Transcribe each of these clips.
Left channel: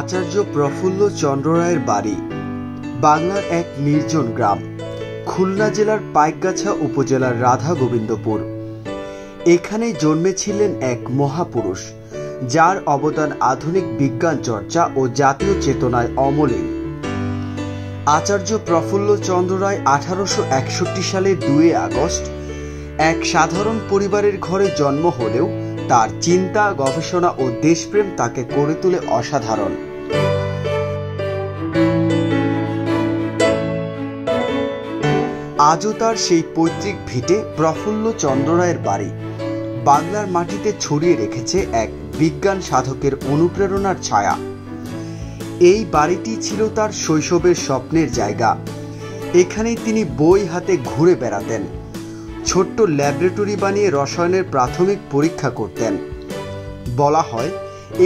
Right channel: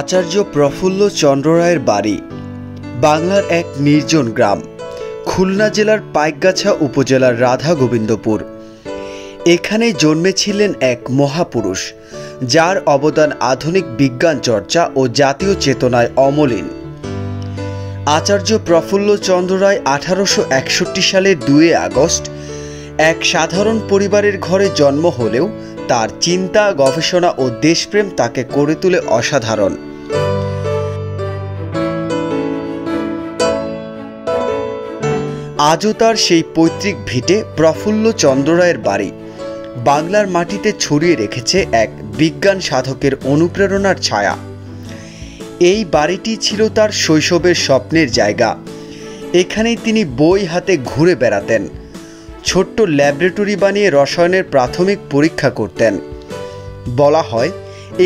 আচার্য প্রফুল্ল চন্দ্র রায়ের বাড়ি বাংলার এক নির্জন গ্রাম, খুলনা জেলার পাইকগাছা উপজেলার রাধা গোবিন্দপুর। এখানে জন্মেছিলেন এক মহাপুরুষ, যার অবদান আধুনিক বিজ্ঞান চর্চা ও জাতীয় চেতনায় অমলিন। আচার্য প্রফুল্ল চন্দ্র রায় 1861 সালের 2 আগস্ট এক সাধারণ পরিবারের ঘরে জন্ম হলেও তার চিন্তা, গবেষণা ও দেশপ্রেম তাকে করে তোলে অসাধারণ। আজও তার সেই পৈতৃক ভিটে প্রফুল্ল চন্দ্র রায়ের বাড়ি বাংলার মাটিতে ছড়িয়ে রেখেছে এক বিজ্ঞান সাধকের অনুপ্রেরণার ছায়া। এই বাড়িটি ছিল তার শৈশবের স্বপ্নের জায়গা। এখানেই তিনি বই হাতে ঘুরে বেড়াতেন, ছোট্ট ল্যাবরেটরি বানিয়ে রসায়নের প্রাথমিক পরীক্ষা করতেন। বলা হয়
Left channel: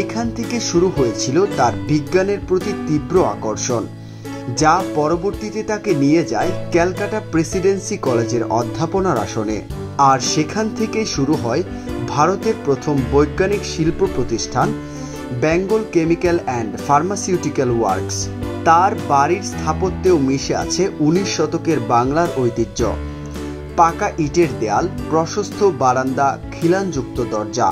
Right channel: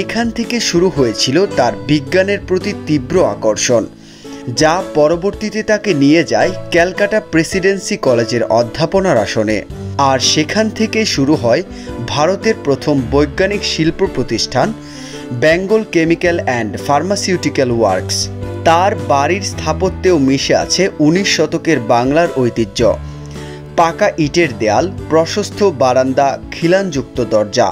এখান থেকে শুরু হয়েছিল তার বিজ্ঞানের প্রতি তীব্র আকর্ষণ, যা পরবর্তীতে তাকে নিয়ে যায় ক্যালকাটা প্রেসিডেন্সি কলেজের অধ্যাপনার আসনে। আর সেখান থেকে শুরু হয় ভারতের প্রথম বৈজ্ঞানিক শিল্প প্রতিষ্ঠান Bengal chemical and pharmaceutical works. তার বাড়ির স্থাপত্যেও মিশে আছে 19 শতকের বাংলার ঐতিহ্য। পাকা ইটের দেয়াল, প্রশস্ত বারান্দা, খিলানযুক্ত দরজা,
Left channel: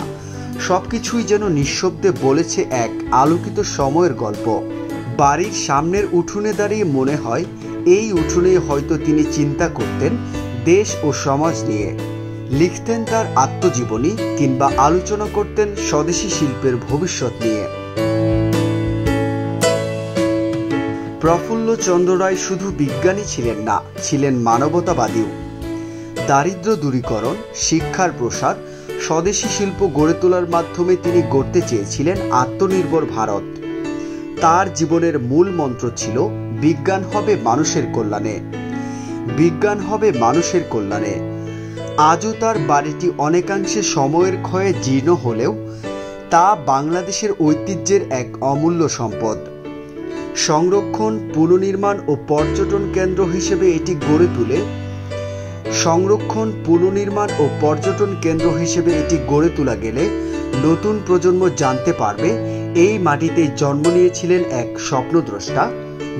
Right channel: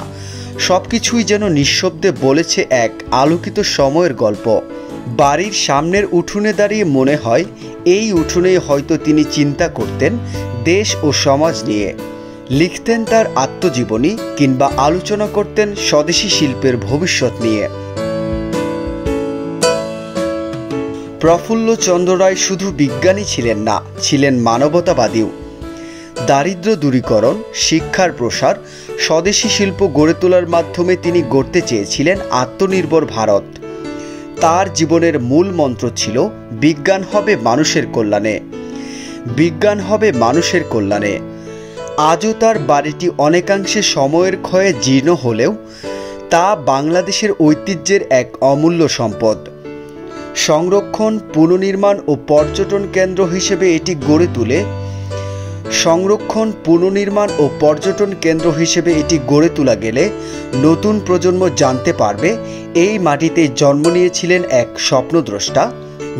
সবকিছুই যেন নিঃশব্দে বলেছে এক আলোকিত সময়ের গল্প। বাড়ির সামনের উঠোনে দাঁড়িয়ে মনে হয় এই উঠোনেই হয়তো তিনি চিন্তা করতেন দেশ ও সমাজ নিয়ে, লিখতেন তার আত্মজীবনী কিংবা আলোচনা করতেন স্বদেশী শিল্পের ভবিষ্যৎ নিয়ে। প্রফুল্ল চন্দ্র রায় শুধু বিজ্ঞানী ছিলেন না, ছিলেন মানবতাবাদীও। দারিদ্র দূরীকরণ, শিক্ষার প্রসার, স্বদেশী শিল্প গড়ে তোলার মাধ্যমে তিনি গড়তে চেয়েছিলেন আত্মনির্ভর ভারত। তার জীবনের মূল মন্ত্র ছিল বিজ্ঞান হবে মানুষের কল্যাণে, বিজ্ঞান হবে মানুষের কল্যাণে। আজও তার বাড়িটি অনেকাংশে সময়ের ক্ষয়ে জীর্ণ হলেও তা বাংলাদেশের ঐতিহ্যের এক অমূল্য সম্পদ। সংরক্ষণ, পুনর্নির্মাণ ও পর্যটন কেন্দ্র হিসেবে এটি গড়ে তোলা গেলে নতুন প্রজন্ম জানতে পারবে এই মাটিতে জন্ম নিয়েছিলেন এক স্বপ্নদ্রষ্টা,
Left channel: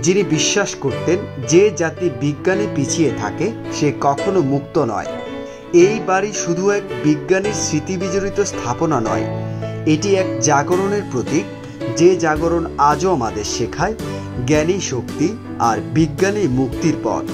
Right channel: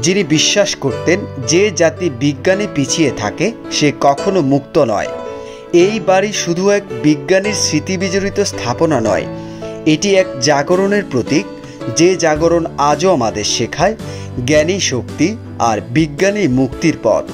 যিনি বিশ্বাস করতেন যে জাতি বিজ্ঞানে পিছিয়ে থাকে সে কখনো মুক্ত নয়। এই বাড়ি শুধু এক বিজ্ঞানীর স্মৃতিবিজড়িত স্থাপনা নয়, এটি এক জাগরণের প্রতীক, যে জাগরণ আজও আমাদের শেখায় জ্ঞানী শক্তি আর বিজ্ঞানী মুক্তির পথ।